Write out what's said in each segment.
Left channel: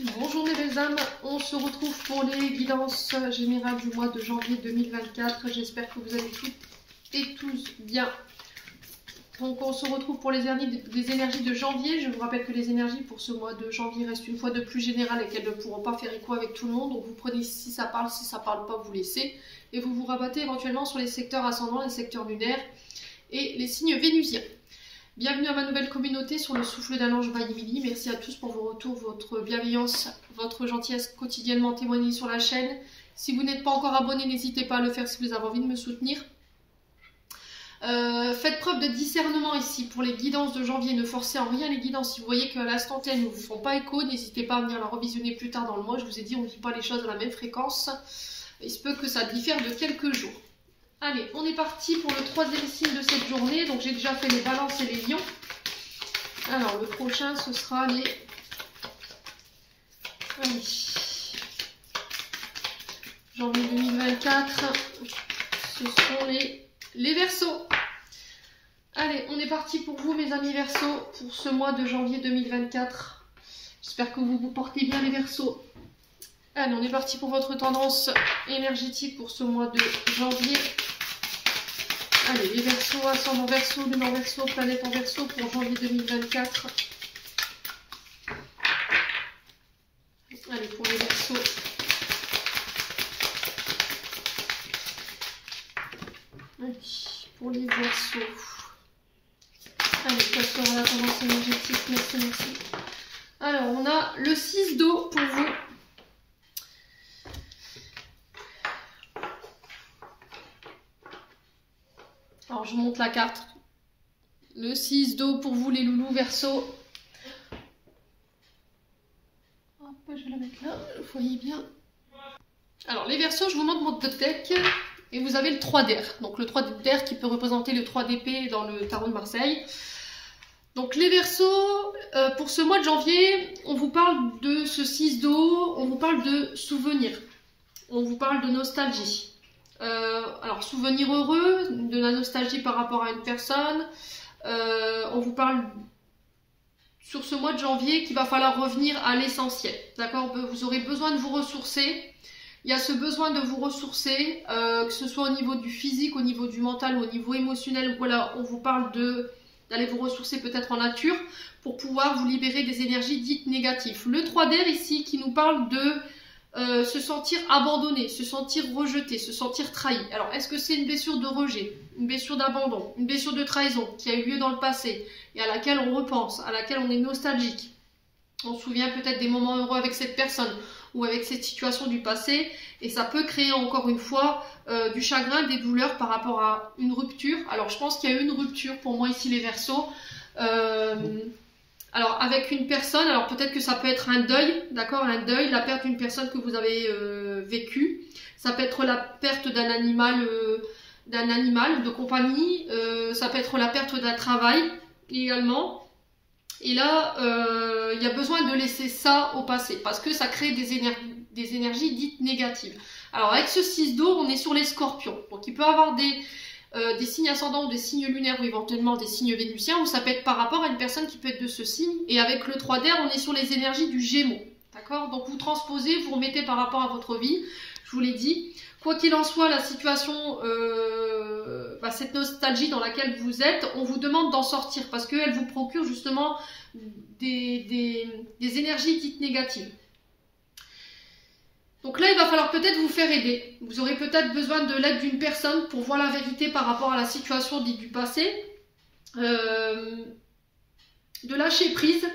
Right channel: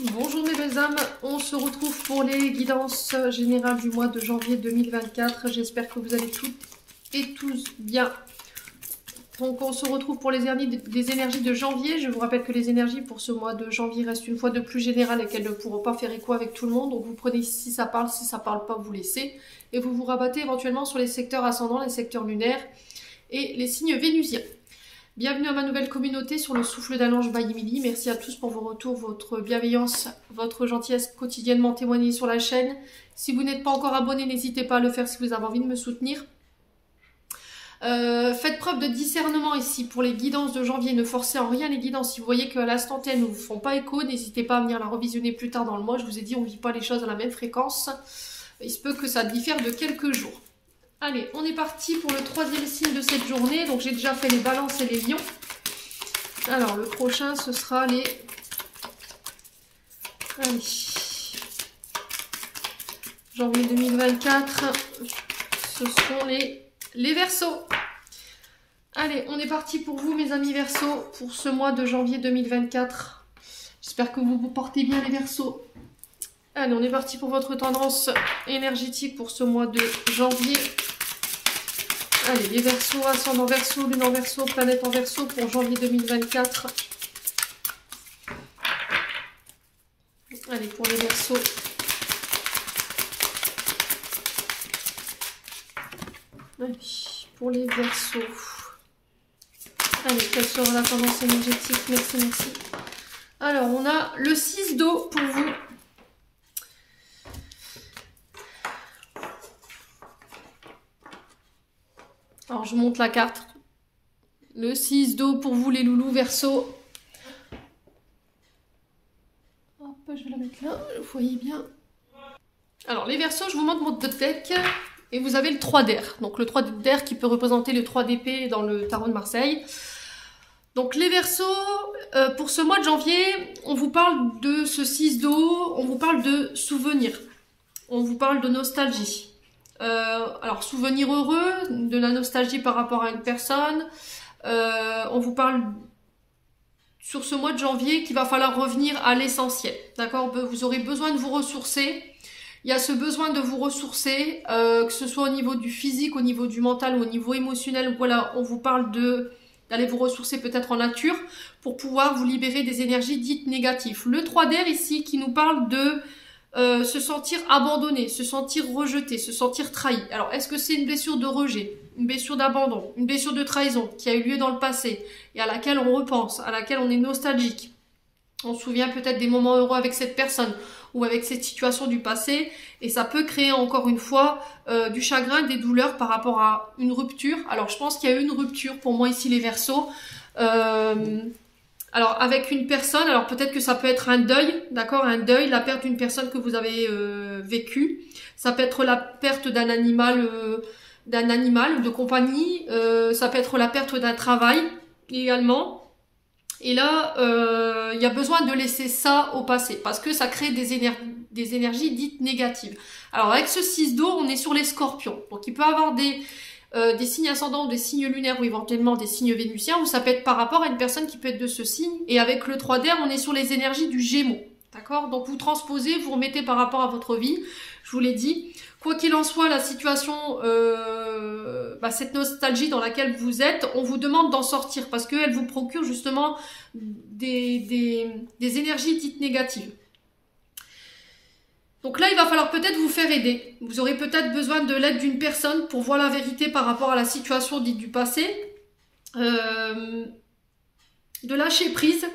Bonjour mes belles âmes, on se retrouve pour les guidances générales du mois de janvier 2024. J'espère que vous allez toutes et tous bien. Donc on se retrouve pour les énergies de janvier. Je vous rappelle que les énergies pour ce mois de janvier restent une fois de plus générales et qu'elles ne pourront pas faire écho avec tout le monde. Donc vous prenez si ça parle pas, vous laissez. Et vous vous rabattez éventuellement sur les secteurs ascendants, les secteurs lunaires et les signes vénusiens. Bienvenue à ma nouvelle communauté sur le souffle d'un ange by Emily. Merci à tous pour vos retours, votre bienveillance, votre gentillesse quotidiennement témoignée sur la chaîne. Si vous n'êtes pas encore abonné, n'hésitez pas à le faire si vous avez envie de me soutenir. Faites preuve de discernement ici pour les guidances de janvier. Ne forcez en rien les guidances. Si vous voyez qu'à l'instant T, elles ne vous font pas écho, n'hésitez pas à venir la revisionner plus tard dans le mois. Je vous ai dit, on ne vit pas les choses à la même fréquence. Il se peut que ça diffère de quelques jours. Allez, on est parti pour le troisième signe de cette journée. Donc j'ai déjà fait les balances et les lions. Alors le prochain, ce sera les... Allez. Janvier 2024. Ce seront les Verseaux. Allez, on est parti pour vous mes amis Verseaux pour ce mois de janvier 2024. J'espère que vous vous portez bien les Verseaux. Allez, on est parti pour votre tendance énergétique pour ce mois de janvier. Allez, les Verseaux, ascendant Verseau, lune en Verseau, planète en Verseau pour janvier 2024. Allez, pour les Verseaux. Allez, pour les Verseaux. Allez, quelle sera la tendance énergétique? Merci, merci. Alors, on a le 6 d'eau pour vous. Alors, je monte la carte. Le 6 d'eau pour vous, les loulous Verseaux. Hop, je vais la mettre là, vous voyez bien. Alors, les Verseaux, je vous montre mon deck. Et vous avez le 3 d'air. Donc, le 3 d'air qui peut représenter le 3 d'épée dans le tarot de Marseille. Donc, les Verseaux, pour ce mois de janvier, on vous parle de ce 6 d'eau. On vous parle de souvenirs. On vous parle de nostalgie. Alors, souvenir heureux, de la nostalgie par rapport à une personne. On vous parle sur ce mois de janvier qu'il va falloir revenir à l'essentiel. D'accord? Vous aurez besoin de vous ressourcer. Il y a ce besoin de vous ressourcer, que ce soit au niveau du physique, au niveau du mental ou au niveau émotionnel. Voilà, on vous parle d'aller vous ressourcer peut-être en nature pour pouvoir vous libérer des énergies dites négatives. Le 3 d'air ici qui nous parle de se sentir abandonné, se sentir rejeté, se sentir trahi. Alors, est-ce que c'est une blessure de rejet, une blessure d'abandon, une blessure de trahison qui a eu lieu dans le passé et à laquelle on repense, à laquelle on est nostalgique? On se souvient peut-être des moments heureux avec cette personne ou avec cette situation du passé et ça peut créer encore une fois du chagrin, des douleurs par rapport à une rupture. Alors, je pense qu'il y a eu une rupture pour moi ici les Verseaux. Alors, avec une personne, alors peut-être que ça peut être un deuil, d'accord, un deuil, la perte d'une personne que vous avez vécue. Ça peut être la perte d'un animal de compagnie. Ça peut être la perte d'un travail également. Et là, il y a besoin de laisser ça au passé parce que ça crée des énergies dites négatives. Alors, avec ce 6 d'eau, on est sur les scorpions. Donc, il peut y avoir des signes ascendants ou des signes lunaires ou éventuellement des signes vénusiens ou ça peut être par rapport à une personne qui peut être de ce signe. Et avec le 3 d'air, on est sur les énergies du Gémeaux. D'accord? Donc, vous transposez, vous remettez par rapport à votre vie. Je vous l'ai dit. Quoi qu'il en soit, la situation, cette nostalgie dans laquelle vous êtes, on vous demande d'en sortir parce qu'elle vous procure justement des énergies dites négatives. Donc là, il va falloir peut-être vous faire aider. Vous aurez peut-être besoin de l'aide d'une personne pour voir la vérité par rapport à la situation dite du passé. De lâcher prise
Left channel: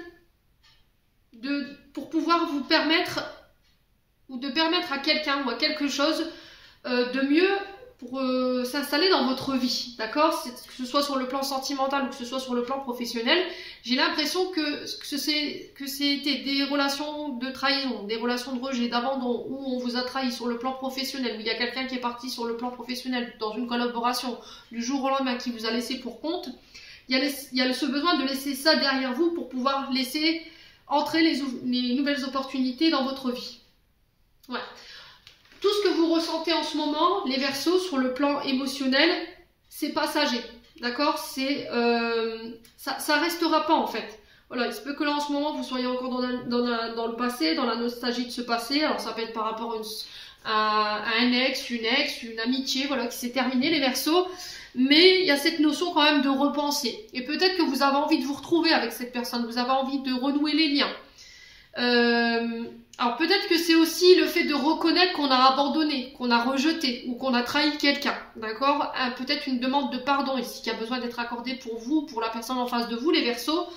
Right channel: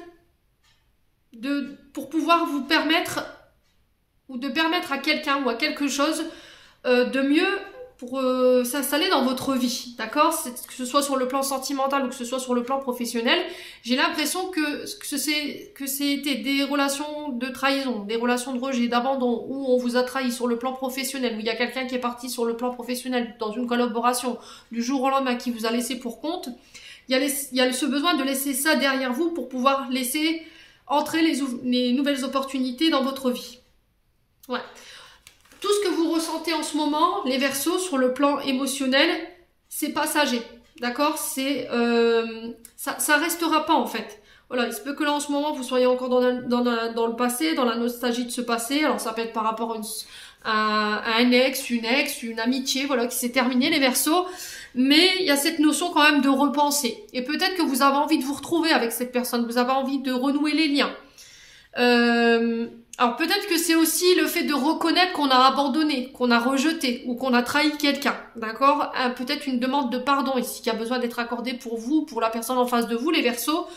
pour pouvoir vous permettre ou de permettre à quelqu'un ou à quelque chose de mieux pour s'installer dans votre vie, d'accord? Que ce soit sur le plan sentimental ou que ce soit sur le plan professionnel, j'ai l'impression que c'était des relations de trahison, des relations de rejet, d'abandon, où on vous a trahi sur le plan professionnel, où il y a quelqu'un qui est parti sur le plan professionnel dans une collaboration du jour au lendemain qui vous a laissé pour compte. Il y a ce besoin de laisser ça derrière vous pour pouvoir laisser entrer les nouvelles opportunités dans votre vie. Ouais. Tout ce que vous ressentez en ce moment, les Verseaux, sur le plan émotionnel, c'est passager, d'accord? Ça restera pas en fait. Voilà, il se peut que là en ce moment vous soyez encore dans le passé, dans la nostalgie de ce passé. Alors ça peut être par rapport à un ex, une amitié, voilà, qui s'est terminée, les Verseaux. Mais il y a cette notion quand même de repenser. Et peut-être que vous avez envie de vous retrouver avec cette personne, vous avez envie de renouer les liens. Alors peut-être que c'est aussi le fait de reconnaître qu'on a abandonné, qu'on a rejeté ou qu'on a trahi quelqu'un, d'accord? Peut-être une demande de pardon ici qui a besoin d'être accordée pour vous, pour la personne en face de vous, les Verseaux.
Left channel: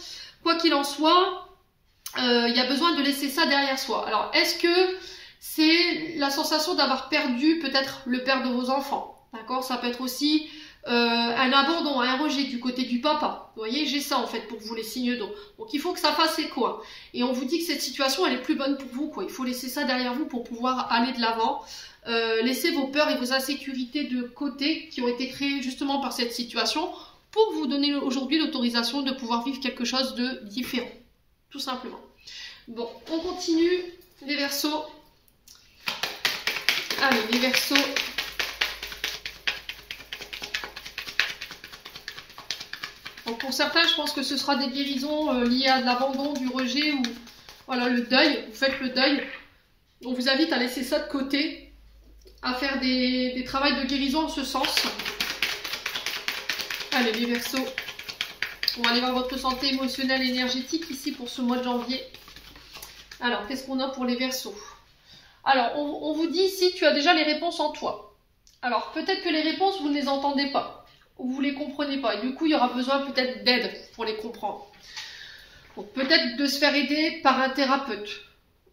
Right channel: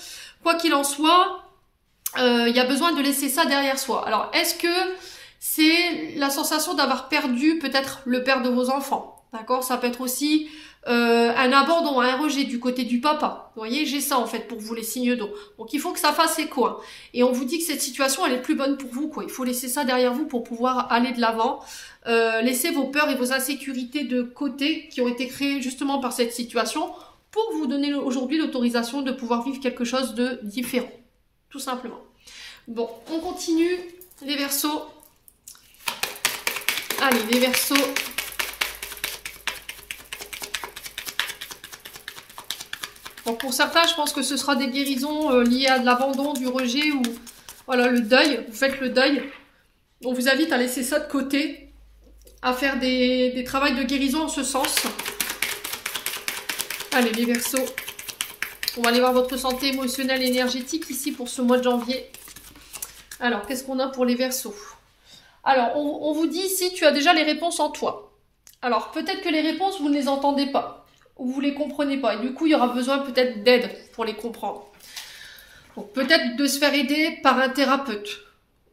Quoi qu'il en soit, il y a besoin de laisser ça derrière soi. Alors est-ce que c'est la sensation d'avoir perdu peut-être le père de vos enfants, d'accord? Ça peut être aussi un abandon, un rejet du côté du papa. Vous voyez, j'ai ça en fait pour vous, les signes d'eau. Donc il faut que ça fasse écho. Hein. Et on vous dit que cette situation, elle est plus bonne pour vous, quoi. Il faut laisser ça derrière vous pour pouvoir aller de l'avant. Laissez vos peurs et vos insécurités de côté qui ont été créées justement par cette situation pour vous donner aujourd'hui l'autorisation de pouvoir vivre quelque chose de différent. Tout simplement. Bon, on continue. Les Verseaux. Allez, les Verseaux. Donc pour certains, je pense que ce sera des guérisons liées à de l'abandon, du rejet ou voilà, le deuil. Vous faites le deuil. On vous invite à laisser ça de côté, à faire des travaux de guérison en ce sens. Allez, les Verseaux. On va aller voir votre santé émotionnelle et énergétique ici pour ce mois de janvier. Alors, qu'est-ce qu'on a pour les Verseaux? Alors, on vous dit ici, tu as déjà les réponses en toi. Alors, peut-être que les réponses, vous ne les entendez pas. Ou vous ne les comprenez pas. Et du coup, il y aura besoin peut-être d'aide pour les comprendre. Donc, peut-être de se faire aider par un thérapeute.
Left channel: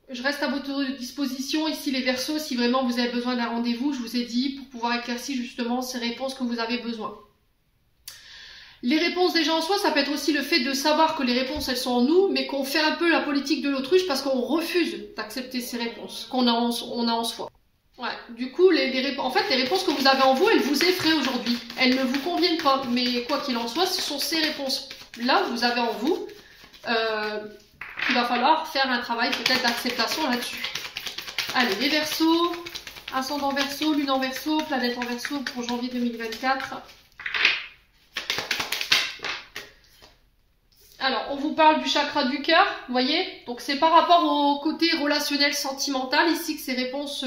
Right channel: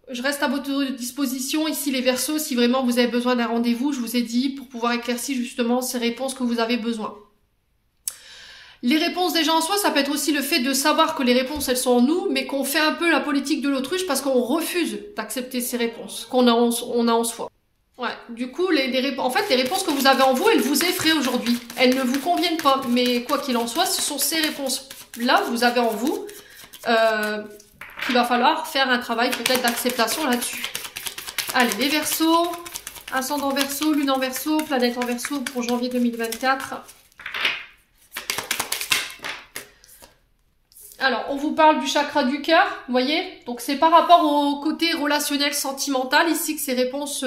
Je reste à votre disposition ici, les Verseaux, si vraiment vous avez besoin d'un rendez-vous, je vous ai dit, pour pouvoir éclaircir justement ces réponses que vous avez besoin. Les réponses déjà en soi, ça peut être aussi le fait de savoir que les réponses, elles sont en nous, mais qu'on fait un peu la politique de l'autruche parce qu'on refuse d'accepter ces réponses qu'on a en soi. Ouais, du coup, en fait, les réponses que vous avez en vous, elles vous effraient aujourd'hui. Elles ne vous conviennent pas, mais quoi qu'il en soit, ce sont ces réponses-là que vous avez en vous qu'il va falloir faire un travail peut-être d'acceptation là-dessus. Allez, les Verseaux, ascendant Verseau, lune en Verseau, planète en Verseau pour janvier 2024. Alors, on vous parle du chakra du cœur, vous voyez? Donc, c'est par rapport au côté relationnel, sentimental, ici, que ces réponses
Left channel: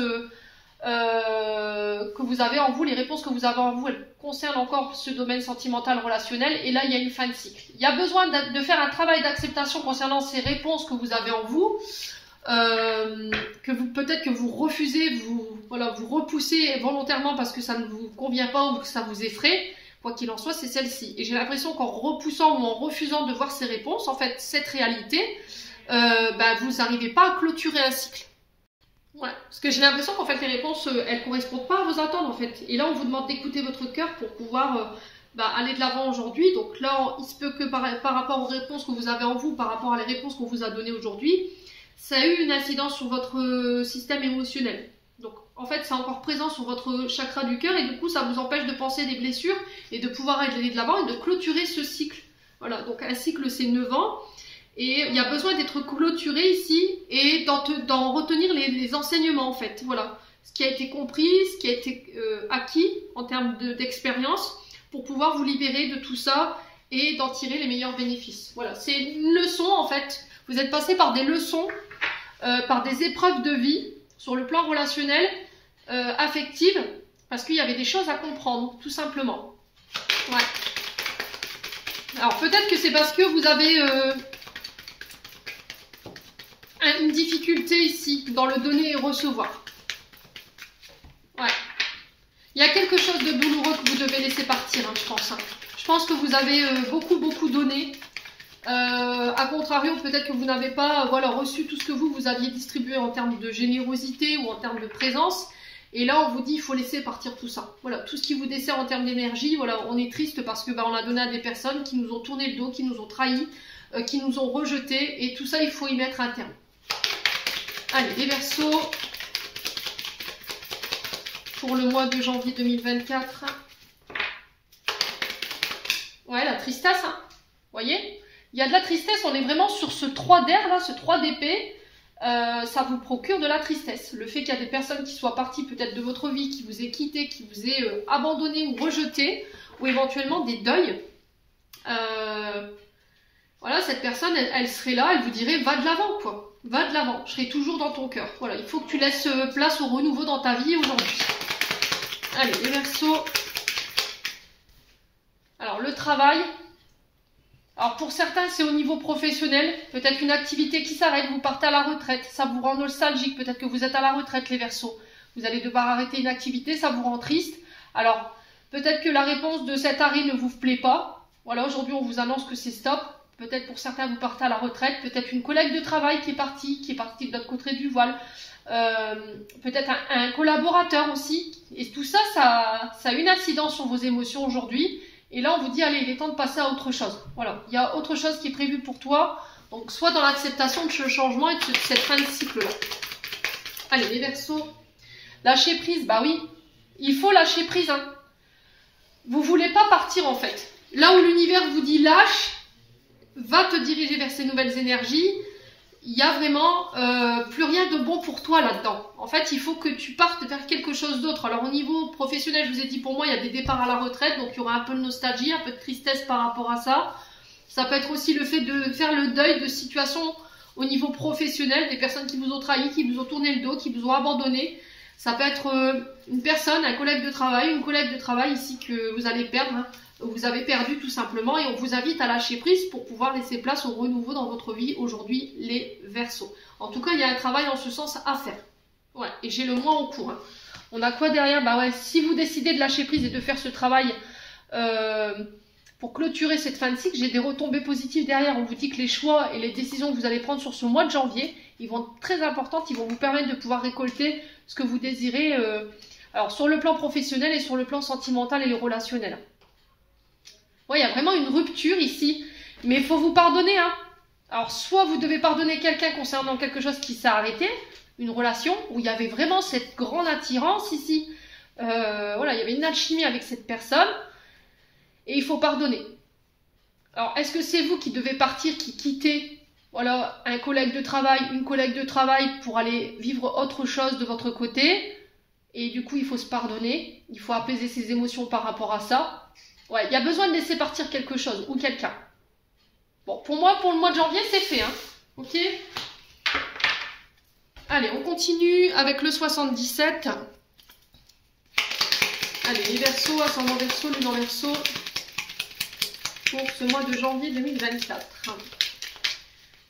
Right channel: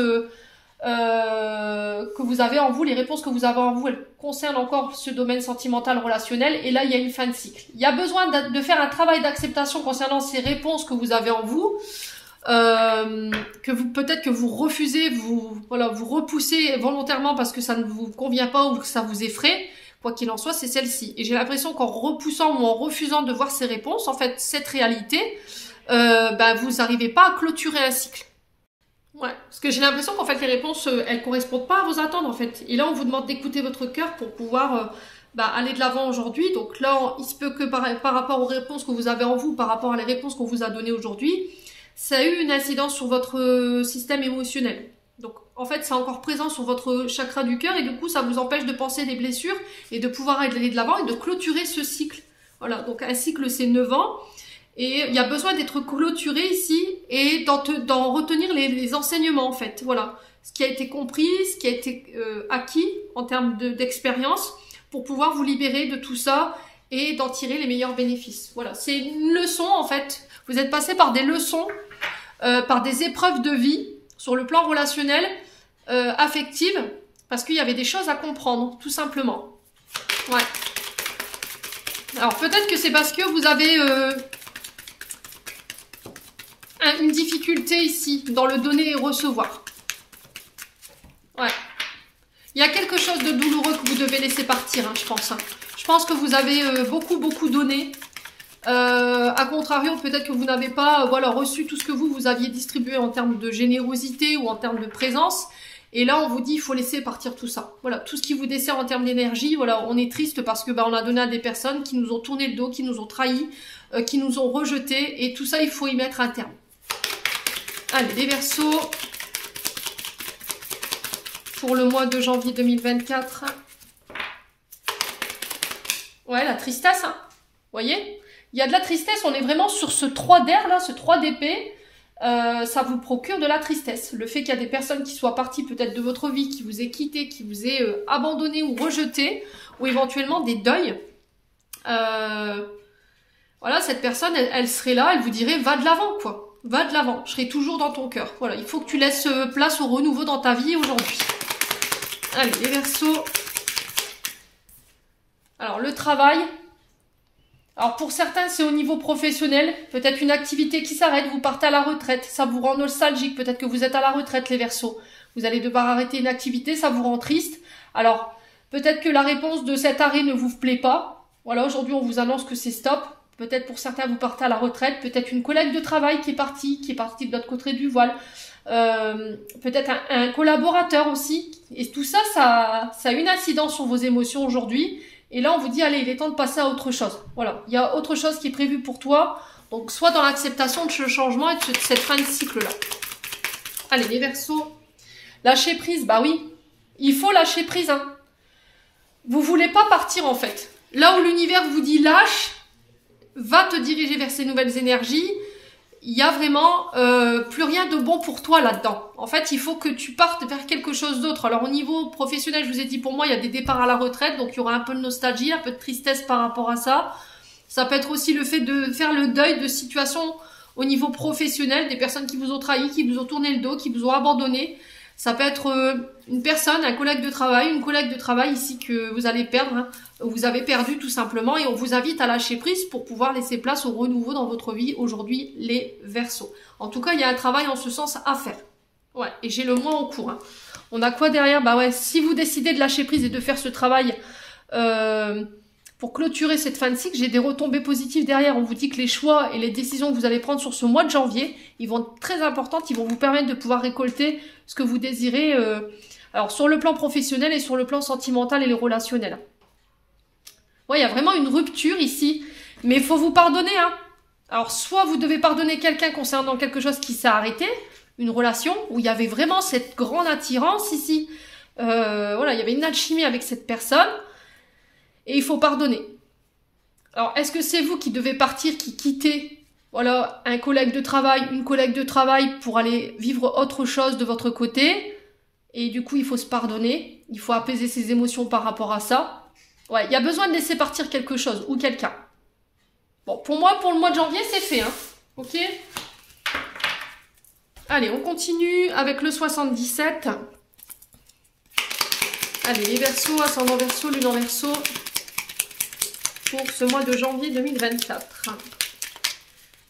que vous avez en vous, les réponses que vous avez en vous, elles concernent encore ce domaine sentimental, relationnel, et là, il y a une fin de cycle. Il y a besoin de faire un travail d'acceptation concernant ces réponses que vous avez en vous, peut-être que vous refusez, vous repoussez volontairement parce que ça ne vous convient pas ou que ça vous effraie. Quoi qu'il en soit, c'est celle-ci. Et j'ai l'impression qu'en repoussant ou en refusant de voir ces réponses, en fait, cette réalité, vous n'arrivez pas à clôturer un cycle. Ouais, parce que j'ai l'impression qu'en fait, les réponses, elles correspondent pas à vos attentes, en fait. Et là, on vous demande d'écouter votre cœur pour pouvoir aller de l'avant aujourd'hui. Donc là, il se peut que par rapport aux réponses que vous avez en vous, par rapport à les réponses qu'on vous a données aujourd'hui, ça a eu une incidence sur votre système émotionnel. Donc, en fait, c'est encore présent sur votre chakra du cœur et du coup, ça vous empêche de penser des blessures et de pouvoir aller de l'avant et de clôturer ce cycle. Voilà, donc un cycle, c'est 9 ans et il y a besoin d'être clôturé ici et d'en retenir les enseignements, en fait. Voilà, ce qui a été compris, ce qui a été acquis en termes d'expérience pour pouvoir vous libérer de tout ça et d'en tirer les meilleurs bénéfices. Voilà, c'est une leçon, en fait. Vous êtes passé par des leçons, par des épreuves de vie sur le plan relationnel, affective, parce qu'il y avait des choses à comprendre, tout simplement. Ouais. Alors peut-être que c'est parce que vous avez une difficulté ici, dans le donner et recevoir. Ouais. Il y a quelque chose de douloureux que vous devez laisser partir, hein, je pense. Hein. Je pense que vous avez beaucoup donné. A contrario, peut-être que vous n'avez pas reçu tout ce que vous aviez distribué en termes de générosité ou en termes de présence. Et là, on vous dit, il faut laisser partir tout ça. Voilà, tout ce qui vous dessert en termes d'énergie, voilà, on est triste parce que on a donné à des personnes qui nous ont tourné le dos, qui nous ont trahis, qui nous ont rejetés. Et tout ça, il faut y mettre un terme. Allez, les Verseaux. Pour le mois de janvier 2024. Ouais, la tristesse, hein. Vous voyez ? Il y a de la tristesse, on est vraiment sur ce 3 d'air là, ce 3 d'épée, ça vous procure de la tristesse. Le fait qu'il y a des personnes qui soient parties peut-être de votre vie, qui vous aient quitté, qui vous aient abandonné ou rejeté, ou éventuellement des deuils. Voilà, cette personne, elle serait là, elle vous dirait, va de l'avant, quoi. Va de l'avant, je serai toujours dans ton cœur. Voilà, il faut que tu laisses place au renouveau dans ta vie aujourd'hui. Allez, les Verseaux. Alors, le travail. Alors, pour certains, c'est au niveau professionnel. Peut-être une activité qui s'arrête, vous partez à la retraite. Ça vous rend nostalgique. Peut-être que vous êtes à la retraite, les Verseaux. Vous allez devoir arrêter une activité, ça vous rend triste. Alors, peut-être que la réponse de cet arrêt ne vous plaît pas. Voilà, aujourd'hui, on vous annonce que c'est stop. Peut-être pour certains, vous partez à la retraite. Peut-être une collègue de travail qui est partie de l'autre côté du voile. Peut-être un collaborateur aussi. Et tout ça, ça a une incidence sur vos émotions aujourd'hui. Et là, on vous dit, allez, il est temps de passer à autre chose. Voilà, il y a autre chose qui est prévu pour toi. Donc, soit dans l'acceptation de ce changement et de cette fin de cycle-là. Allez, les Verseaux. Lâcher prise, bah oui. Il faut lâcher prise, hein. Vous voulez pas partir, en fait. Là où l'univers vous dit lâche, va te diriger vers ces nouvelles énergies. Il n'y a vraiment plus rien de bon pour toi là-dedans. En fait, il faut que tu partes vers quelque chose d'autre. Alors, au niveau professionnel, je vous ai dit, pour moi, il y a des départs à la retraite. Donc, il y aura un peu de nostalgie, un peu de tristesse par rapport à ça. Ça peut être aussi le fait de faire le deuil de situations au niveau professionnel, des personnes qui vous ont trahi, qui vous ont tourné le dos, qui vous ont abandonné. Ça peut être une personne, un collègue de travail, une collègue de travail ici que vous allez perdre, hein. Vous avez perdu tout simplement et on vous invite à lâcher prise pour pouvoir laisser place au renouveau dans votre vie aujourd'hui, les Verseaux. En tout cas, il y a un travail en ce sens à faire. Ouais, et j'ai le mois en cours, hein. On a quoi derrière? Bah ouais, si vous décidez de lâcher prise et de faire ce travail pour clôturer cette fin de cycle, j'ai des retombées positives derrière. On vous dit que les choix et les décisions que vous allez prendre sur ce mois de janvier, ils vont être très importantes, ils vont vous permettre de pouvoir récolter ce que vous désirez, alors sur le plan professionnel et sur le plan sentimental et le relationnel. Ouais, il y a vraiment une rupture ici, mais il faut vous pardonner, hein. Alors, soit vous devez pardonner quelqu'un concernant quelque chose qui s'est arrêté, une relation où il y avait vraiment cette grande attirance ici. Voilà, il y avait une alchimie avec cette personne, et il faut pardonner. Alors, est-ce que c'est vous qui devez partir, qui quittez, voilà, un collègue de travail, une collègue de travail pour aller vivre autre chose de votre côté? Et du coup, il faut se pardonner, il faut apaiser ses émotions par rapport à ça. Ouais, il y a besoin de laisser partir quelque chose ou quelqu'un. Bon, pour moi, pour le mois de janvier, c'est fait, hein. Ok? Allez, on continue avec le 77. Allez, les Verseaux, ascendant Verseau, lune en Verseau, pour ce mois de janvier 2024.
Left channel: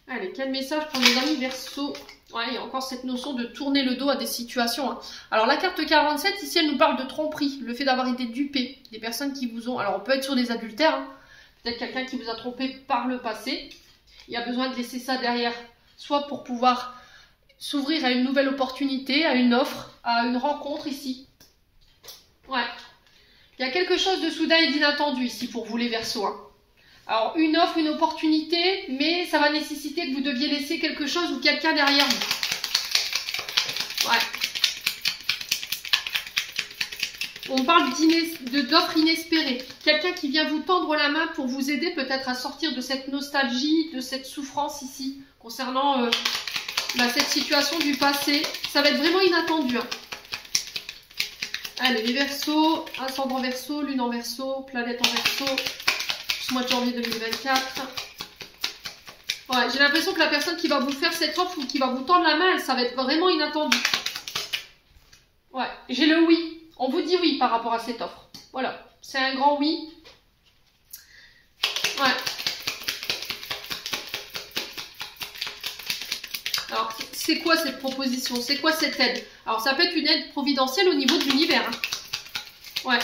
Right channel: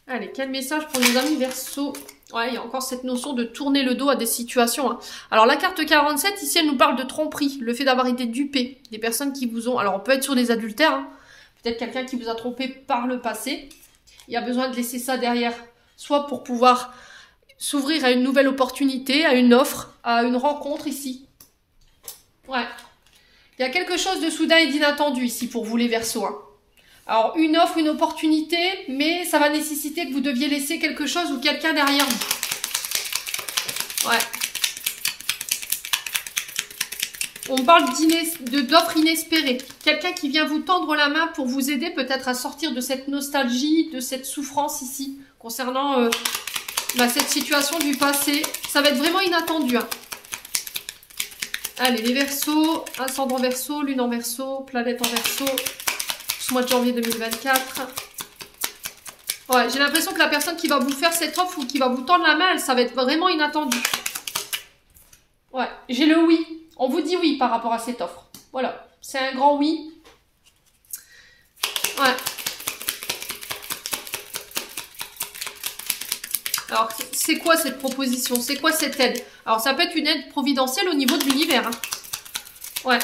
Allez, quel message pour nos amis Verseaux? Ouais, il y a encore cette notion de tourner le dos à des situations, hein. Alors, la carte 47, ici, elle nous parle de tromperie. Le fait d'avoir été dupé. Des personnes qui vous ont... Alors, on peut être sur des adultères, hein. Peut-être quelqu'un qui vous a trompé par le passé. Il y a besoin de laisser ça derrière. Soit pour pouvoir s'ouvrir à une nouvelle opportunité, à une offre, à une rencontre ici. Ouais. Il y a quelque chose de soudain et d'inattendu ici pour vous, les Verseaux, hein. Alors, une offre, une opportunité, mais ça va nécessiter que vous deviez laisser quelque chose ou quelqu'un derrière vous. Ouais. On parle d'offres inespérées. Quelqu'un qui vient vous tendre la main pour vous aider peut-être à sortir de cette nostalgie, de cette souffrance ici, concernant cette situation du passé. Ça va être vraiment inattendu, hein. Allez, les Verseaux, ascendant Verseau, lune en Verseau, planète en Verseau. Ce mois de janvier 2024. Ouais, j'ai l'impression que la personne qui va vous faire cette offre ou qui va vous tendre la main, ça va être vraiment inattendu. Ouais, j'ai le oui. On vous dit oui par rapport à cette offre. Voilà, c'est un grand oui. Ouais. Alors, c'est quoi cette proposition? C'est quoi cette aide? Alors, ça peut être une aide providentielle au niveau de l'univers, hein. Ouais.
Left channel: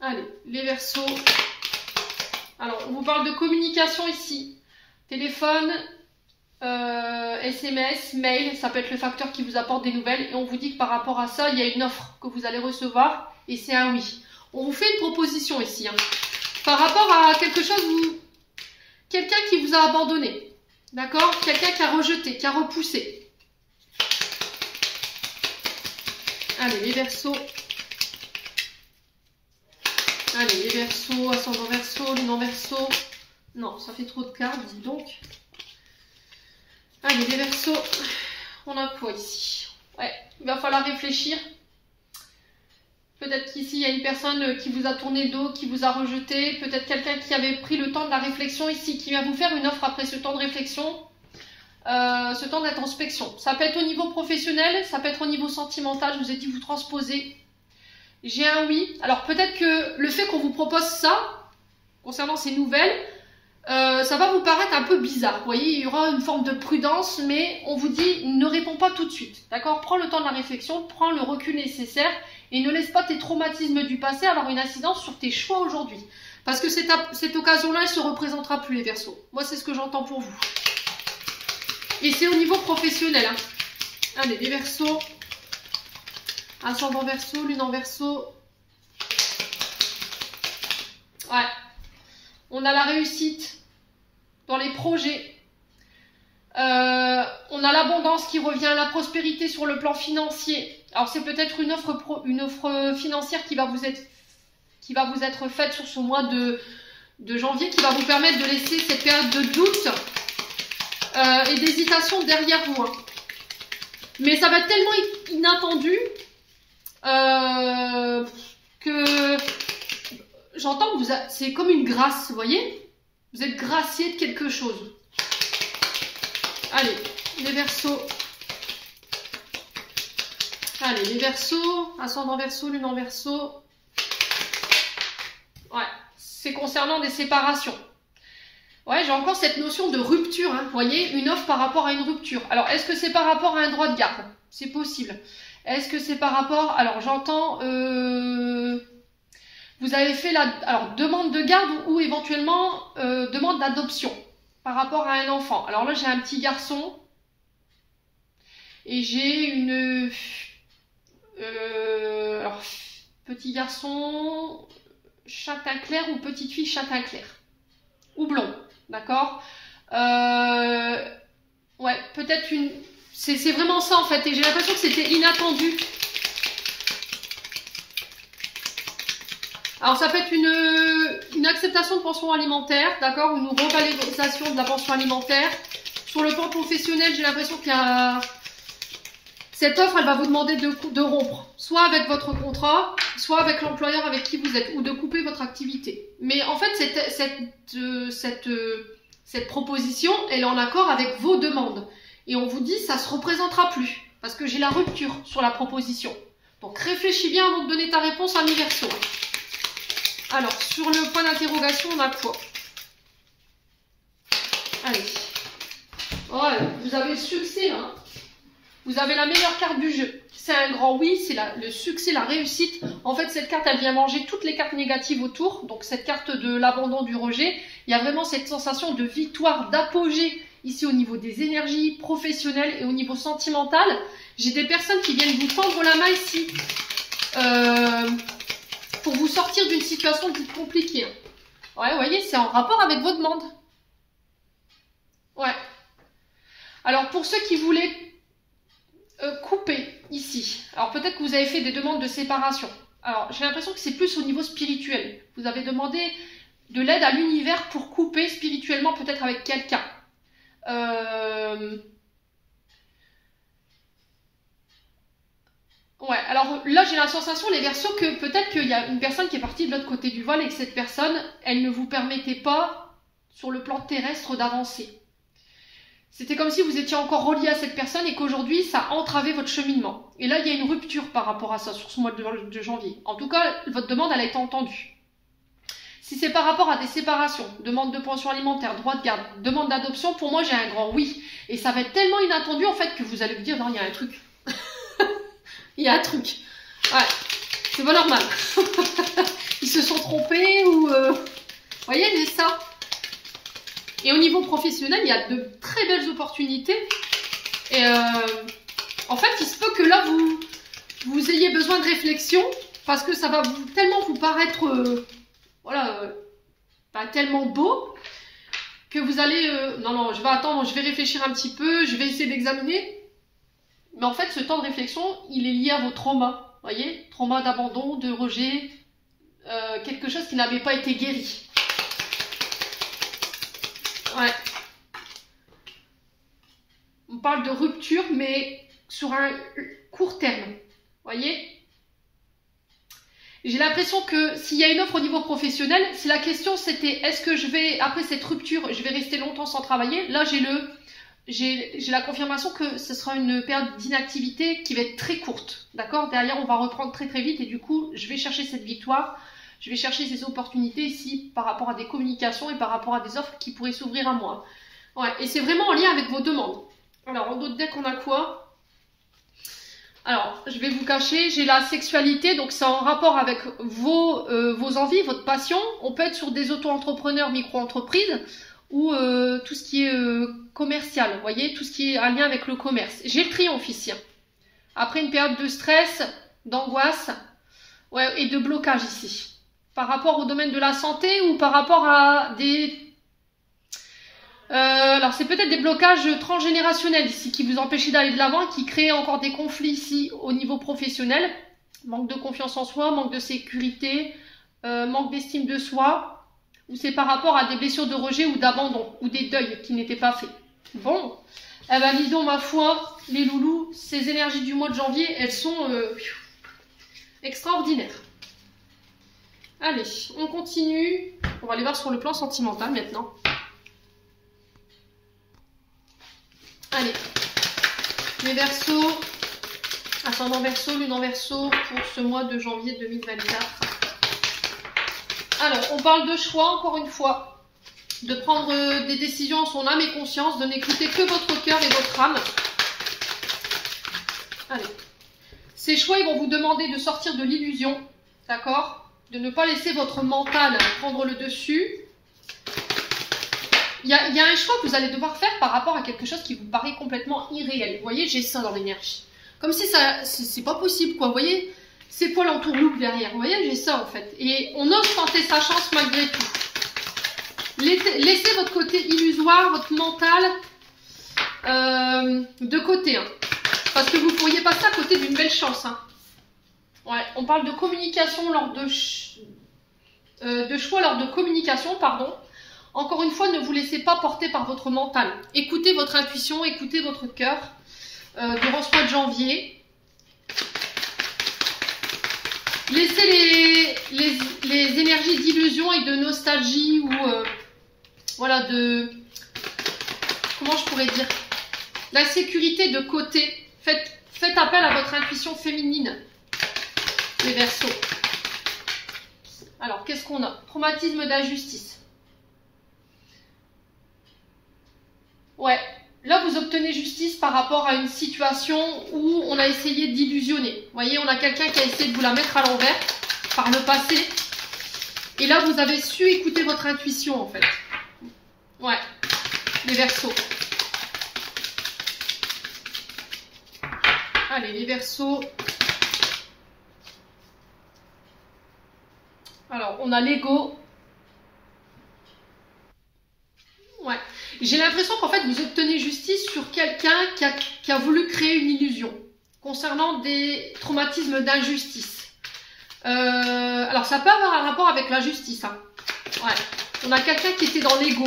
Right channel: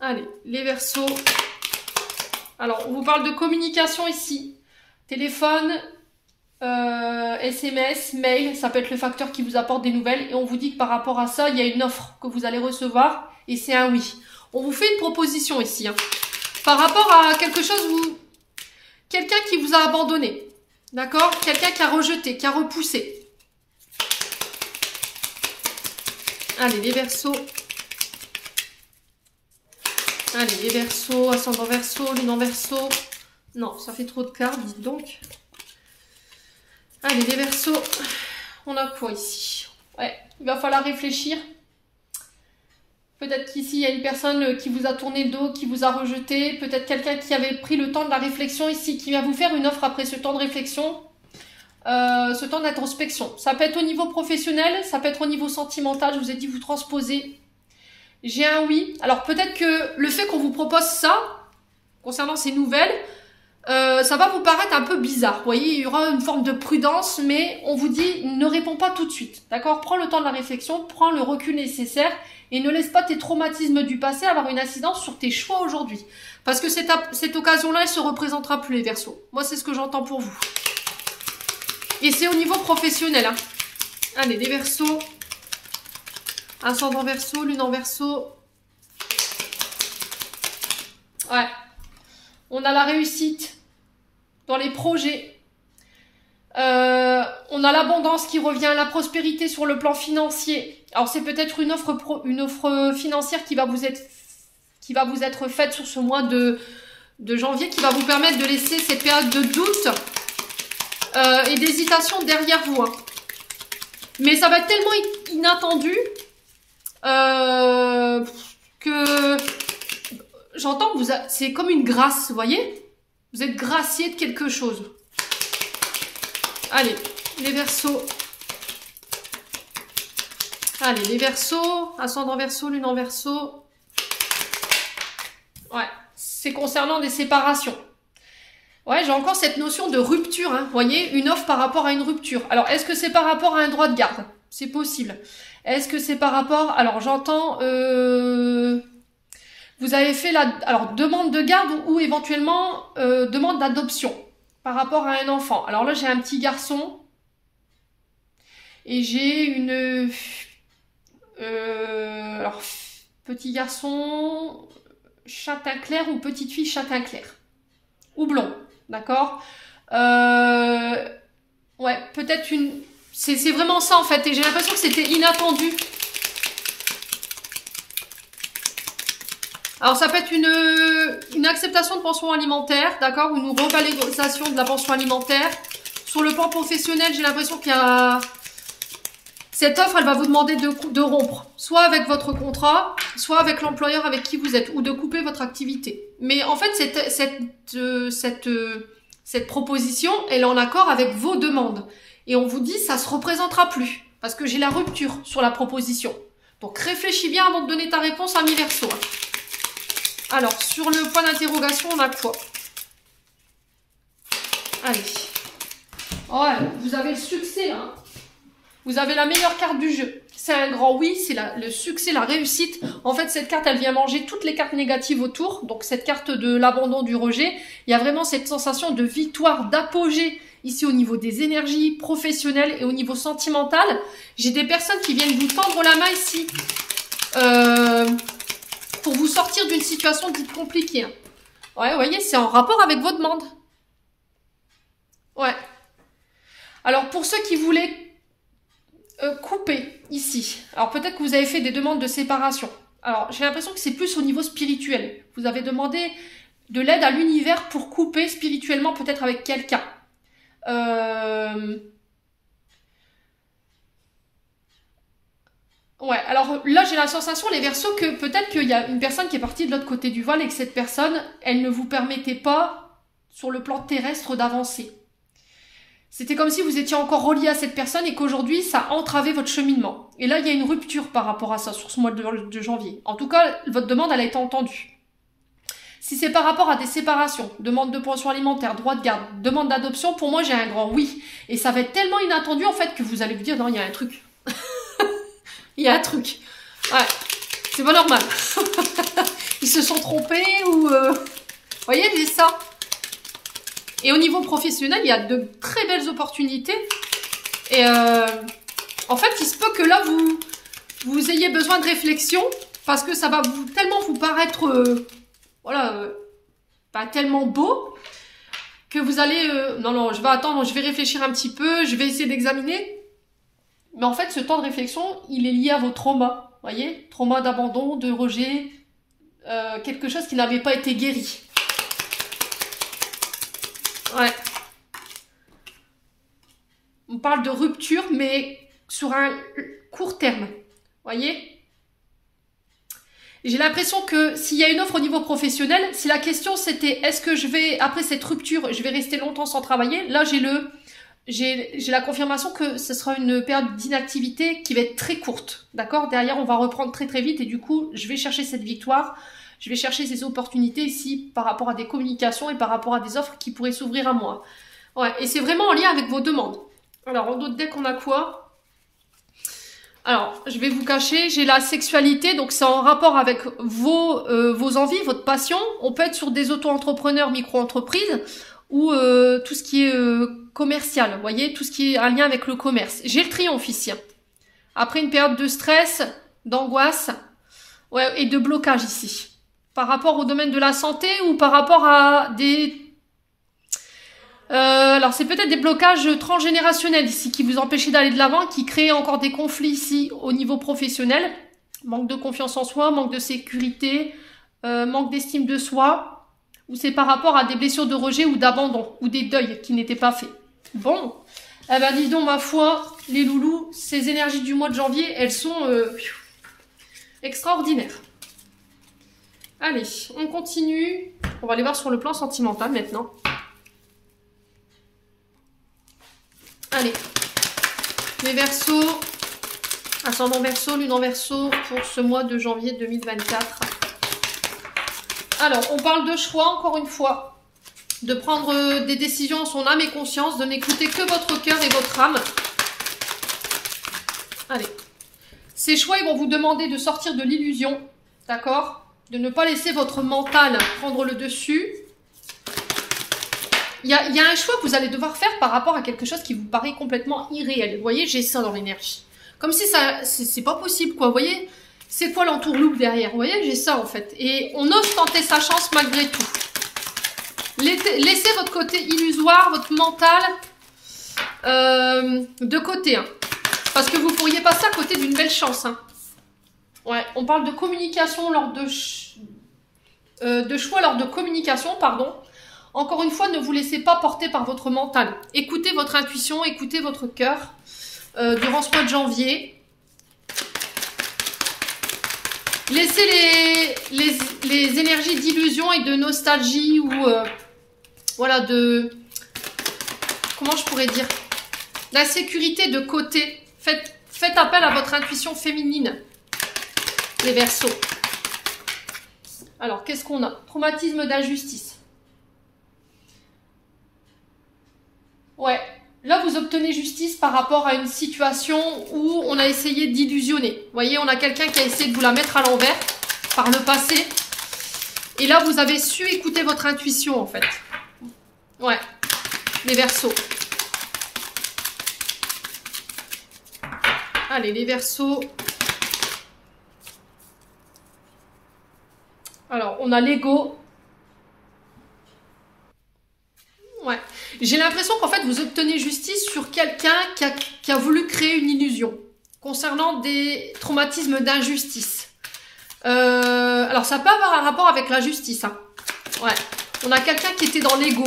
Allez, les Verseaux. Alors, on vous parle de communication ici. Téléphone, SMS, mail, ça peut être le facteur qui vous apporte des nouvelles. Et on vous dit que par rapport à ça, il y a une offre que vous allez recevoir. Et c'est un oui. On vous fait une proposition ici, hein. Par rapport à quelque chose où... Quelqu'un qui vous a abandonné. D'accord? Quelqu'un qui a rejeté, qui a repoussé. Allez, les Verseaux. Allez, les Verseaux, ascendant Verseau, lune en Verseau. Non, ça fait trop de cartes, dites donc. Allez, les Verseaux. On a quoi ici? Ouais, il va falloir réfléchir. peut-être qu'ici, il y a une personne qui vous a tourné le dos, qui vous a rejeté. Peut-être quelqu'un qui avait pris le temps de la réflexion ici, qui va vous faire une offre après ce temps de réflexion, ce temps d'introspection. Ça peut être au niveau professionnel, ça peut être au niveau sentimental. Je vous ai dit, vous transposez. J'ai un oui. Alors peut-être que le fait qu'on vous propose ça, concernant ces nouvelles, ça va vous paraître un peu bizarre. Vous voyez, il y aura une forme de prudence, mais on vous dit, ne réponds pas tout de suite. D'accord? Prends le temps de la réflexion, prends le recul nécessaire et ne laisse pas tes traumatismes du passé avoir une incidence sur tes choix aujourd'hui. Parce que cette occasion-là, elle ne se représentera plus, les Verseaux. Moi, c'est ce que j'entends pour vous. Et c'est au niveau professionnel. Hein. Allez, les Verseaux. Ascendant Verseau, lune en Verseau. Ouais. On a la réussite dans les projets. On a l'abondance qui revient, la prospérité sur le plan financier. Alors c'est peut-être une offre financière qui va vous être faite sur ce mois de janvier, qui va vous permettre de laisser cette période de doute et d'hésitation derrière vous. Hein. Mais ça va être tellement inattendu que j'entends que c'est comme une grâce, vous voyez? Vous êtes gracié de quelque chose. Allez, les Verseaux. Allez, les Verseaux, ascendant Verseau, lune en Verseau. Ouais, c'est concernant des séparations. Ouais, j'ai encore cette notion de rupture, hein. Vous voyez, une offre par rapport à une rupture. Alors, est-ce que c'est par rapport à un droit de garde? C'est possible. Est-ce que c'est par rapport... Alors, j'entends... Vous avez fait la demande de garde ou éventuellement demande d'adoption par rapport à un enfant. Alors là, j'ai un petit garçon et j'ai une... alors, petit garçon châtain clair ou petite fille châtain clair. Ou blond, d'accord? Ouais, peut-être une... C'est vraiment ça en fait, et j'ai l'impression que c'était inattendu. Alors ça peut être une acceptation de pension alimentaire, d'accord, ou une revalorisation de la pension alimentaire. Sur le plan professionnel, j'ai l'impression qu'il y a... Cette offre, elle va vous demander de rompre, soit avec votre contrat, soit avec l'employeur avec qui vous êtes, ou de couper votre activité. Mais en fait, cette proposition, elle est en accord avec vos demandes. Et on vous dit, ça ne se représentera plus, parce que j'ai la rupture sur la proposition. Donc réfléchis bien avant de donner ta réponse à mi-verso. Alors, sur le point d'interrogation, on a quoi? Allez. Voilà, vous avez le succès là. Vous avez la meilleure carte du jeu. C'est un grand oui, c'est le succès, la réussite. En fait, cette carte, elle vient manger toutes les cartes négatives autour. Donc, cette carte de l'abandon, du rejet. Il y a vraiment cette sensation de victoire, d'apogée ici au niveau des énergies professionnelles et au niveau sentimental. J'ai des personnes qui viennent vous tendre la main ici. Pour vous sortir d'une situation dite compliquée. Ouais, vous voyez, c'est en rapport avec vos demandes. Ouais. Alors, pour ceux qui voulaient couper ici, alors peut-être que vous avez fait des demandes de séparation. Alors, j'ai l'impression que c'est plus au niveau spirituel. Vous avez demandé de l'aide à l'univers pour couper spirituellement, peut-être avec quelqu'un. Ouais, alors là j'ai la sensation, les Verseaux, que peut-être qu'il y a une personne qui est partie de l'autre côté du voile et que cette personne, elle ne vous permettait pas, sur le plan terrestre, d'avancer. C'était comme si vous étiez encore relié à cette personne et qu'aujourd'hui, ça entravait votre cheminement. Et là, il y a une rupture par rapport à ça, sur ce mois de janvier. En tout cas, votre demande, elle a été entendue. Si c'est par rapport à des séparations, demande de pension alimentaire, droit de garde, demande d'adoption, pour moi, j'ai un grand oui. Et ça va être tellement inattendu, en fait, que vous allez vous dire, non, il y a un truc. Il y a un truc. Ouais, c'est pas normal. Ils se sont trompés ou... Vous voyez, c'est ça. Et au niveau professionnel, il y a de très belles opportunités. Et en fait, il se peut que là, vous ayez besoin de réflexion parce que ça va tellement vous paraître... voilà, pas tellement beau que vous allez... non, je vais attendre, je vais réfléchir un petit peu, je vais essayer d'examiner. Mais en fait, ce temps de réflexion, il est lié à vos traumas. Vous voyez, trauma d'abandon, de rejet, quelque chose qui n'avait pas été guéri. Ouais. On parle de rupture, mais sur un court terme. Vous voyez? J'ai l'impression que s'il y a une offre au niveau professionnel, si la question c'était est-ce que je vais, après cette rupture, je vais rester longtemps sans travailler, là j'ai la confirmation que ce sera une période d'inactivité qui va être très courte. D'accord? Derrière, on va reprendre très très vite et du coup, je vais chercher cette victoire. Je vais chercher ces opportunités ici par rapport à des communications et par rapport à des offres qui pourraient s'ouvrir à moi. Ouais, et c'est vraiment en lien avec vos demandes. Alors, en d'autres decks, on a quoi? Alors, je vais vous cacher, j'ai la sexualité, donc c'est en rapport avec vos envies, votre passion. On peut être sur des auto-entrepreneurs, micro-entreprises, ou tout ce qui est commercial, vous voyez, tout ce qui est en lien avec le commerce. J'ai le triomphe ici. Après une période de stress, d'angoisse, ouais, et de blocage ici. Par rapport au domaine de la santé ou par rapport à des... alors c'est peut-être des blocages transgénérationnels ici qui vous empêchent d'aller de l'avant, qui créent encore des conflits ici au niveau professionnel. Manque de confiance en soi, manque de sécurité, manque d'estime de soi, ou c'est par rapport à des blessures de rejet ou d'abandon, ou des deuils qui n'étaient pas faits. Bon, eh ben dis donc ma foi, les loulous, ces énergies du mois de janvier, elles sont extraordinaires. Allez, on continue. On va aller voir sur le plan sentimental maintenant. Allez, les Verseaux, ascendant Verseau, lune en Verseau pour ce mois de janvier 2024. Alors, on parle de choix encore une fois, de prendre des décisions en son âme et conscience, de n'écouter que votre cœur et votre âme. Allez, ces choix ils vont vous demander de sortir de l'illusion, d'accord ? De ne pas laisser votre mental prendre le dessus. Il y a un choix que vous allez devoir faire par rapport à quelque chose qui vous paraît complètement irréel. Vous voyez, j'ai ça dans l'énergie. Comme si ça, c'est pas possible, quoi. Vous voyez, ces poils en tourloupe derrière. Vous voyez, j'ai ça, en fait. Et on ose tenter sa chance malgré tout. Laissez votre côté illusoire, votre mental de côté. Hein. Parce que vous pourriez passer à côté d'une belle chance, hein. Ouais, on parle de communication lors de choix lors de communication, pardon. Encore une fois, ne vous laissez pas porter par votre mental. Écoutez votre intuition, écoutez votre cœur durant ce mois de janvier. Laissez les énergies d'illusion et de nostalgie ou voilà de... Comment je pourrais dire? L'insécurité de côté. Faites appel à votre intuition féminine. Les Verseaux. Alors, qu'est-ce qu'on a? Traumatisme d'injustice. Ouais. Là, vous obtenez justice par rapport à une situation où on a essayé d'illusionner. Vous voyez, on a quelqu'un qui a essayé de vous la mettre à l'envers par le passé. Et là, vous avez su écouter votre intuition, en fait. Ouais. Les Verseaux. Allez, les Verseaux. Alors, on a l'ego. Ouais. J'ai l'impression qu'en fait, vous obtenez justice sur quelqu'un qui a voulu créer une illusion concernant des traumatismes d'injustice. Alors, ça peut avoir un rapport avec la justice. Hein. Ouais. On a quelqu'un qui était dans l'ego.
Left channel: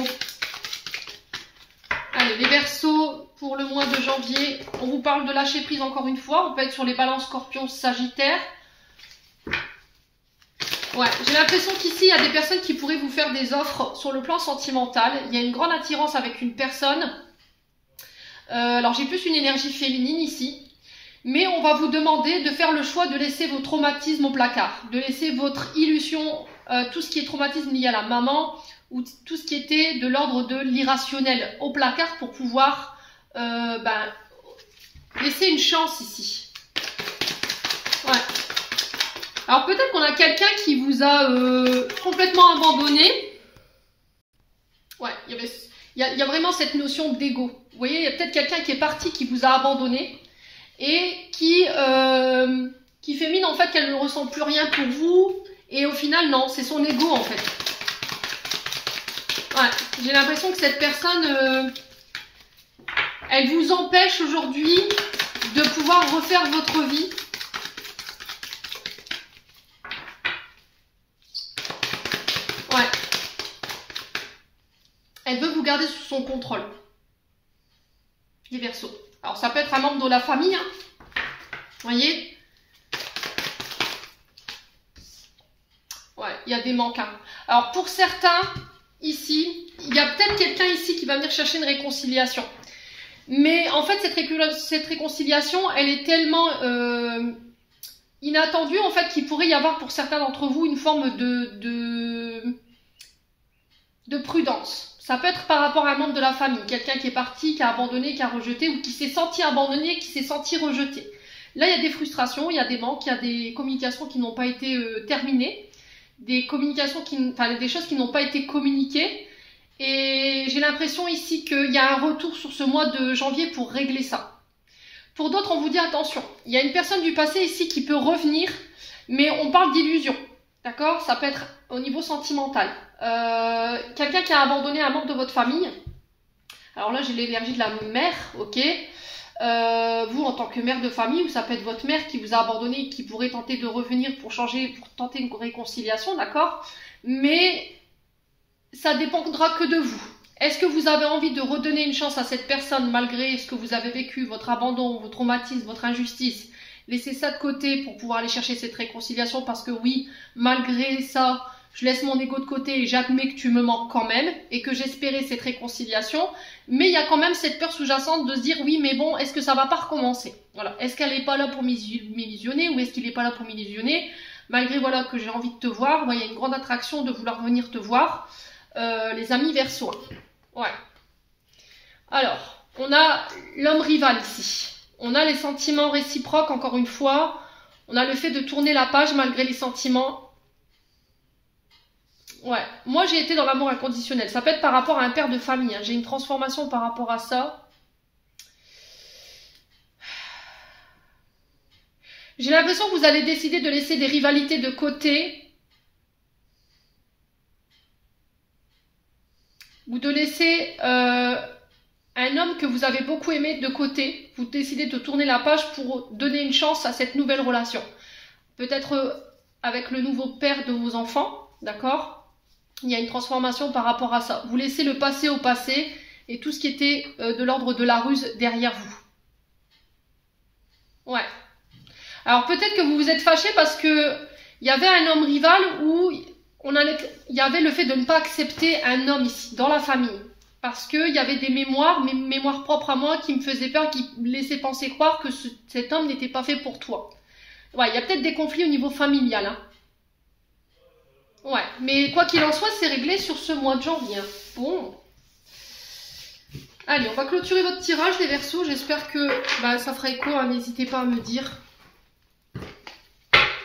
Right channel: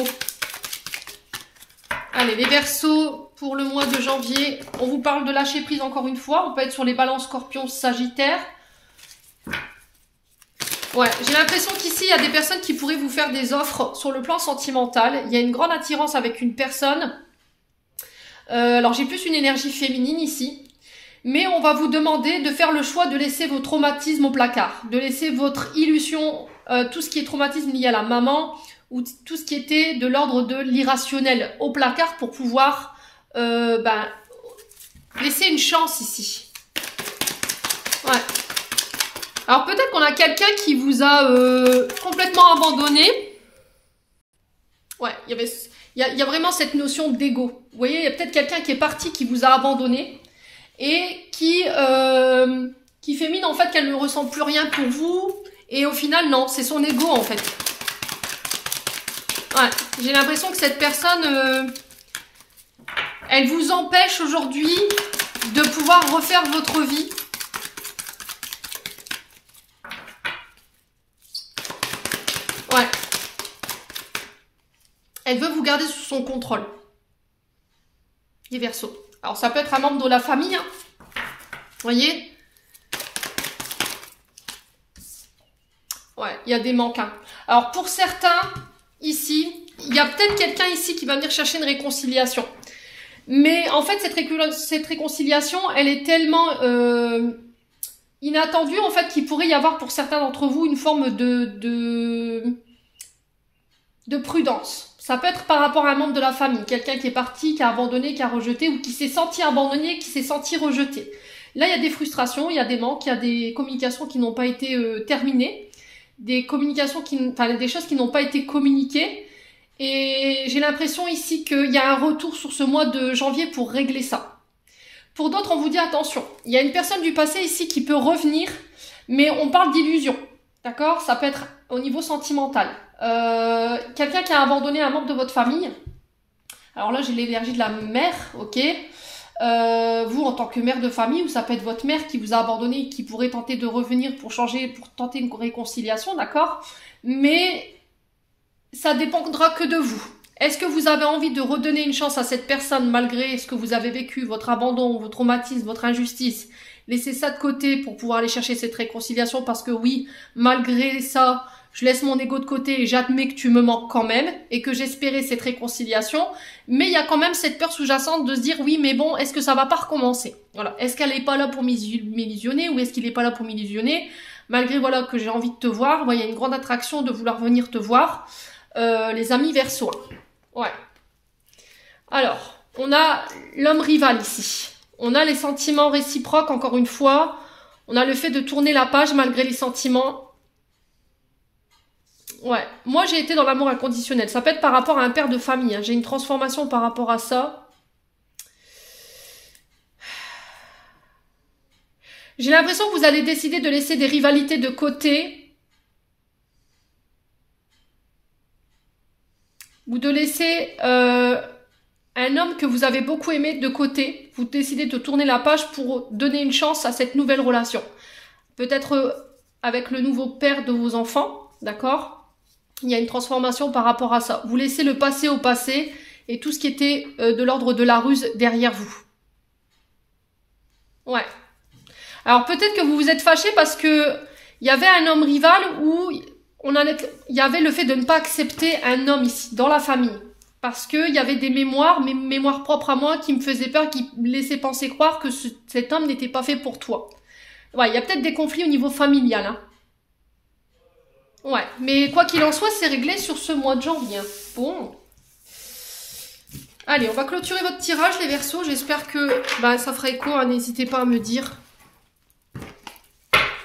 Allez, les Verseaux, pour le mois de janvier, on vous parle de lâcher prise encore une fois. On peut être sur les balances Scorpion, Sagittaire. Ouais, j'ai l'impression qu'ici, il y a des personnes qui pourraient vous faire des offres sur le plan sentimental. Il y a une grande attirance avec une personne. Alors, j'ai plus une énergie féminine ici. Mais on va vous demander de faire le choix de laisser vos traumatismes au placard. De laisser votre illusion, tout ce qui est traumatisme lié à la maman, ou tout ce qui était de l'ordre de l'irrationnel au placard pour pouvoir laisser une chance ici. Ouais. Alors peut-être qu'on a quelqu'un qui vous a complètement abandonné. Ouais, il y a vraiment cette notion d'ego. Vous voyez, il y a peut-être quelqu'un qui est parti, qui vous a abandonné et qui fait mine en fait qu'elle ne ressent plus rien pour vous. Et au final, non, c'est son ego en fait. Ouais, j'ai l'impression que cette personne, elle vous empêche aujourd'hui de pouvoir refaire votre vie. Ouais. Elle veut vous garder sous son contrôle. Les Verseaux. Alors, ça peut être un membre de la famille. Hein. Vous voyez? il y a des manques. Hein. Alors pour certains, ici, il y a peut-être quelqu'un ici qui va venir chercher une réconciliation. Mais en fait, cette réconciliation, elle est tellement inattendue, en fait, qu'il pourrait y avoir pour certains d'entre vous une forme de prudence. Ça peut être par rapport à un membre de la famille, quelqu'un qui est parti, qui a abandonné, qui a rejeté, ou qui s'est senti abandonné, qui s'est senti rejeté. Là, il y a des frustrations, il y a des manques, il y a des communications qui n'ont pas été terminées, des choses qui n'ont pas été communiquées. Et j'ai l'impression ici qu'il y a un retour sur ce mois de janvier pour régler ça. Pour d'autres, on vous dit attention. Il y a une personne du passé ici qui peut revenir, mais on parle d'illusion. D'accord? Ça peut être au niveau sentimental. Quelqu'un qui a abandonné un membre de votre famille. Alors là, j'ai l'énergie de la mère, ok? Vous, en tant que mère de famille, ou ça peut être votre mère qui vous a abandonné, qui pourrait tenter de revenir pour changer, pour tenter une réconciliation, d'accord? Mais ça dépendra que de vous. Est-ce que vous avez envie de redonner une chance à cette personne malgré ce que vous avez vécu, votre abandon, vos traumatismes, votre injustice? Laissez ça de côté pour pouvoir aller chercher cette réconciliation parce que oui, malgré ça, je laisse mon ego de côté et j'admets que tu me manques quand même et que j'espérais cette réconciliation. Mais il y a quand même cette peur sous-jacente de se dire oui, mais bon, est-ce que ça va pas recommencer? Voilà. Est-ce qu'elle n'est pas là pour m'illusionner ou est-ce qu'il n'est pas là pour m'illusionner? Malgré voilà que j'ai envie de te voir, il y a une grande attraction de vouloir venir te voir. Les amis Verseau. Ouais. Alors, on a l'homme rival ici. On a les sentiments réciproques, encore une fois. On a le fait de tourner la page malgré les sentiments. Ouais. Moi, j'ai été dans l'amour inconditionnel. Ça peut être par rapport à un père de famille. Hein. J'ai une transformation par rapport à ça. J'ai l'impression que vous allez décider de laisser des rivalités de côté. Ou de laisser un homme que vous avez beaucoup aimé de côté. Vous décidez de tourner la page pour donner une chance à cette nouvelle relation. Peut-être avec le nouveau père de vos enfants, d'accord? Il y a une transformation par rapport à ça. Vous laissez le passé au passé et tout ce qui était de l'ordre de la ruse derrière vous. Ouais. Alors peut-être que vous vous êtes fâché parce que il y avait un homme rival où il y avait le fait de ne pas accepter un homme ici, dans la famille. Parce qu'il y avait des mémoires, mes mémoires propres à moi, qui me faisaient peur, qui me laissaient penser croire que cet homme n'était pas fait pour toi. Ouais, il y a peut-être des conflits au niveau familial. Hein. Ouais, mais quoi qu'il en soit, c'est réglé sur ce mois de janvier. Bon. Allez, on va clôturer votre tirage, les Verseaux. J'espère que ça fera écho. Hein. N'hésitez pas à me dire.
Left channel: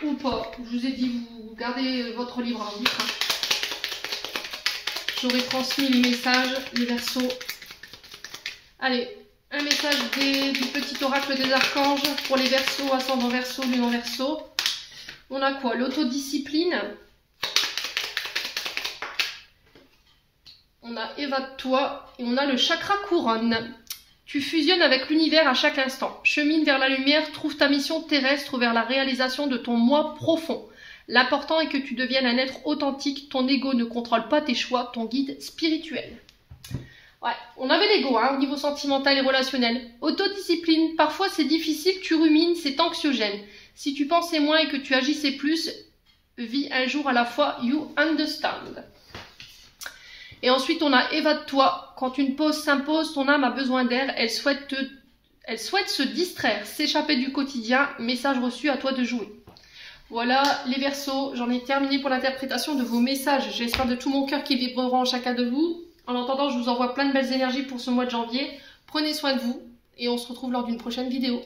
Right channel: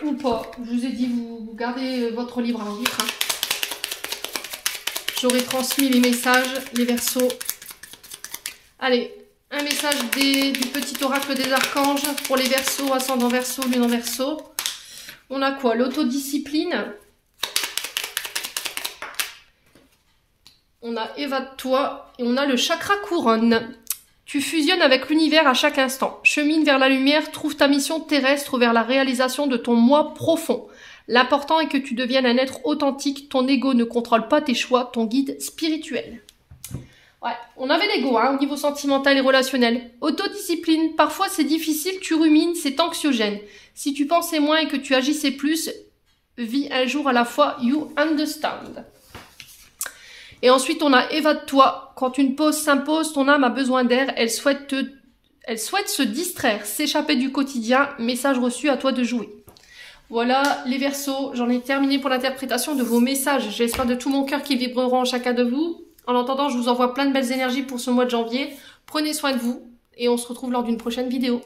Ou pas. Je vous ai dit, vous gardez votre libre arbitre. Hein. J'aurais transmis les messages, les Verseaux. Allez, un message du petit oracle des archanges pour les Verseaux, ascendant Verseau, lune en Verseau. On a quoi? L'autodiscipline. On a évade-toi et on a le chakra couronne. Tu fusionnes avec l'univers à chaque instant. Chemine vers la lumière, trouve ta mission terrestre vers la réalisation de ton moi profond. L'important est que tu deviennes un être authentique. Ton ego ne contrôle pas tes choix, ton guide spirituel. Ouais, on avait l'ego au niveau sentimental et relationnel. Autodiscipline, parfois c'est difficile, tu rumines, c'est anxiogène. Si tu pensais moins et que tu agissais plus, vis un jour à la fois, you understand. Et ensuite, on a évade-toi. Quand une pause s'impose, ton âme a besoin d'air. Elle souhaite se distraire, s'échapper du quotidien. Message reçu, à toi de jouer. Voilà les Verseaux. J'en ai terminé pour l'interprétation de vos messages. J'espère de tout mon cœur qu'ils vibreront en chacun de vous. En attendant, je vous envoie plein de belles énergies pour ce mois de janvier. Prenez soin de vous et on se retrouve lors d'une prochaine vidéo.